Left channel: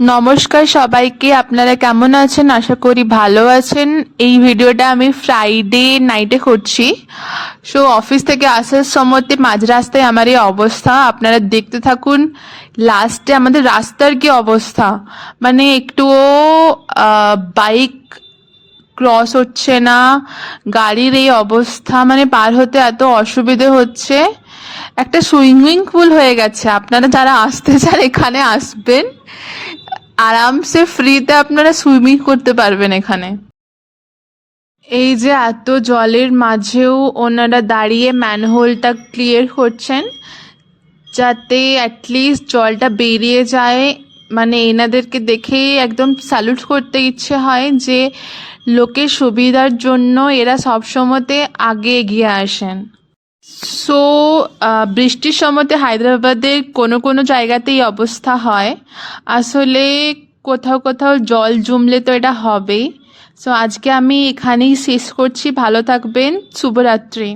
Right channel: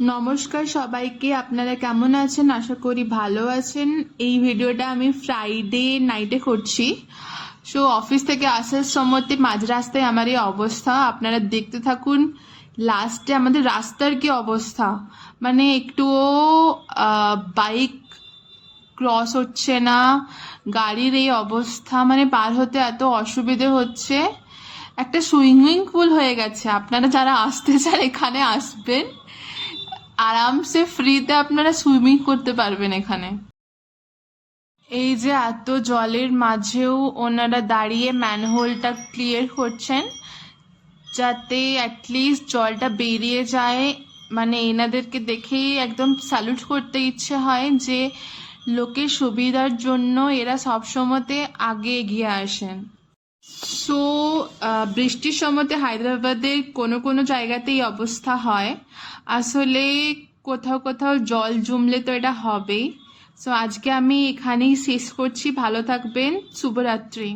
নমস্কার সবাইকে, আপনারা কেমন আছেন? আশা করি ভালো আছেন। এই ভিডিওটা আমি ফ্রাইডে নাইটে করছি। সো অফিস থেকে আসার সময়তে মাঝ রাস্তায় আমার এই অবস্থা, আপনারা দেখতে থাকুন। লাস্টে আমাদের রাস্তার কি অবস্থা, মানে একটুও বাইক ক্রস হচ্ছে না, গাড়ির এই অবস্থা, মানে পার হতে এত অসুবিধে হচ্ছে। একটা সুইমিং পুল হয়ে গেছে, আপনারা যারা আসতে চান এখানে আসবেন, আরামসে ফ্রিতে আপনারা সুইমিং করতে পারবেন এখানে। এই যে এত জলের মাঝেও ওনারা দাঁড়িয়ে ম্যানহোলটা ক্লিয়ার করছেন যাতে অ্যাটলিস্ট জলটা বেরিয়ে যায়। মানে এনাদেরকে দেখেই একদম স্যালুট করতে ইচ্ছে হয় যে লোকের সুবিধার জন্য এরা সবসময়তে আগে এগিয়ে আসেন। সো বৃষ্টির সময়তে হায়দ্রাবাদের কোনো কোনো জায়গাতেই অবস্থা হয়। আসলে কোথাও কোথাও জল জমলে তো এটা হবেই। সো আজকে আমি এখানেই শেষ করছি। ভালো থাকবেন। শুভরাত্রি।